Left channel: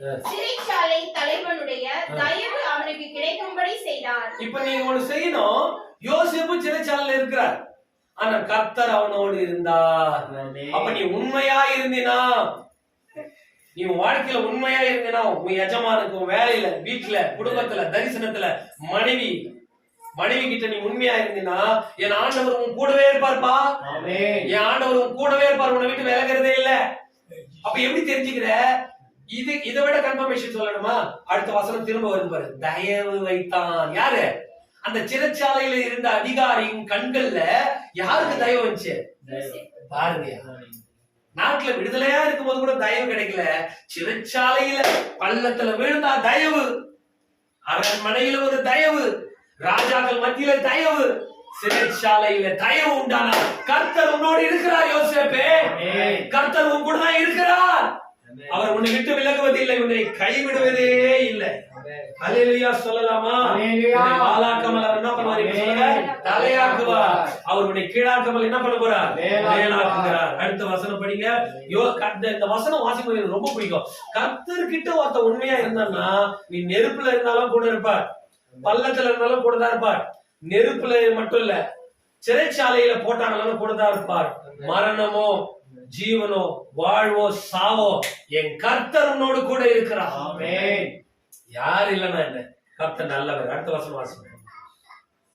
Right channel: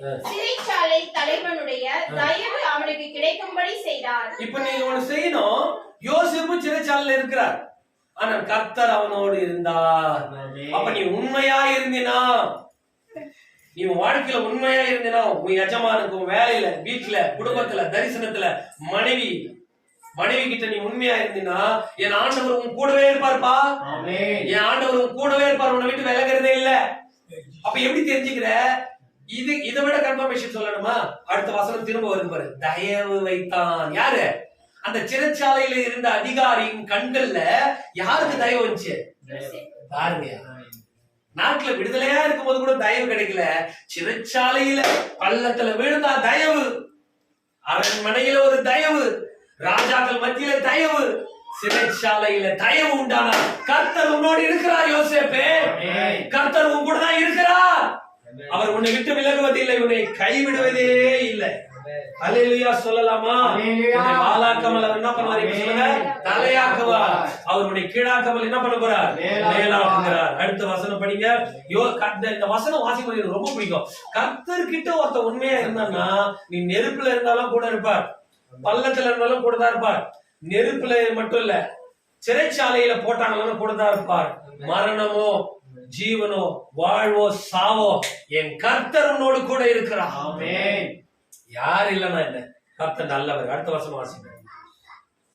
சிறைச்சாலை தலைவனுடைய தயவு அவனுக்கு கிடைக்கும்படி செய்தார். இப்ப நீங்க ஒண்ணு செய்யணும். யோசேப்பு சிறைச்சாலையில இருக்கிறார், ஆனா கர்த்தர் அவனோடு இருந்தார். அப்ப நீ உண்மையா இருந்தினா, நீ வாழ்க்கையில உண்மையா இருந்தினா, உன் எஜமானுக்கும் வேலையில, வீட்டுல, குடும்பத்துல, தரிசனத்துல, மனைவி கிட்ட நீ உண்மையா இருந்தினா, என் ஆண்டவர் உன் கூடவே இருப்பார்ப்பா. என் ஆண்டவர் உன் கூடவே இருப்பார், உன்னை விட்டு விலகிறதே இல்ல. அப்ப எப்படி தெரிஞ்சுக்கிற? இதை விட கன்ஃபர்மேஷன் சொல்லணுமா? அடுத்த வசனம் திரும்ப வரும் பாரு. தயவு வைத்தான். யாரு? அந்த சிறைச்சாலையில இருந்த அதிகாரியின் கண்கள்ல யாருக்கு தயவு வந்துச்சு பாருங்க. நாட்டுல விடுதலையா இருக்கும்போது கூட தயவு கிடைக்கல, சிறைச்சாலையில பள்ளத்துல விழுந்தா தயவு, அரண்மனையில ஒரு தயவு, ராஜாக்கள் மத்தியில தயவு, சிறைச்சாலையில தயவு உண்டானா கர்த்தர் உன்னோடு இருக்கிறார். யோசேப்பே, கர்த்தர் உன் கூட தான் இருக்கிறார். அவர் உன்னை விட்டு விலகுவதில்லை, உன்னை கைவிடுவதே இல்லை. அல்லேலூயா சொல்லலாமா? வாலாக்காமல் அவர் என்ன பண்ணுவார்? சொல்லுங்க, தலையாக்குவார். அவர் உன்னை கீழாக்காமல் என்ன பண்ண போறார்? மேலாக்குகிறார். அடுத்த வசனம் படிங்க. இந்த வசனம் வாசிக்கும் எனக்கு ரொம்ப பிடிக்கும். கர்த்தர்கிட்ட ஒருத்த உண்மையா இருந்தான்னா, நீ நெருப்புல இருந்தாலும் கூட இருப்பார், பள்ளத்துல இருந்தாலும் கூட தான் இருப்பார். நெருப்புல மட்டும் இல்ல, சிறைச்சாலையில போட்டாங்களாலும் கூட தான் இருப்பார். மரணமோ ஜீவனோ வாழ்வோ சாவோ என் கர்த்தர் உன்னோடு கூட இருக்கிறார். யார் இல்லைன்னா என்ன? கர்த்தர் நல்லவர். அடுத்த வசனம் வாசிங்க.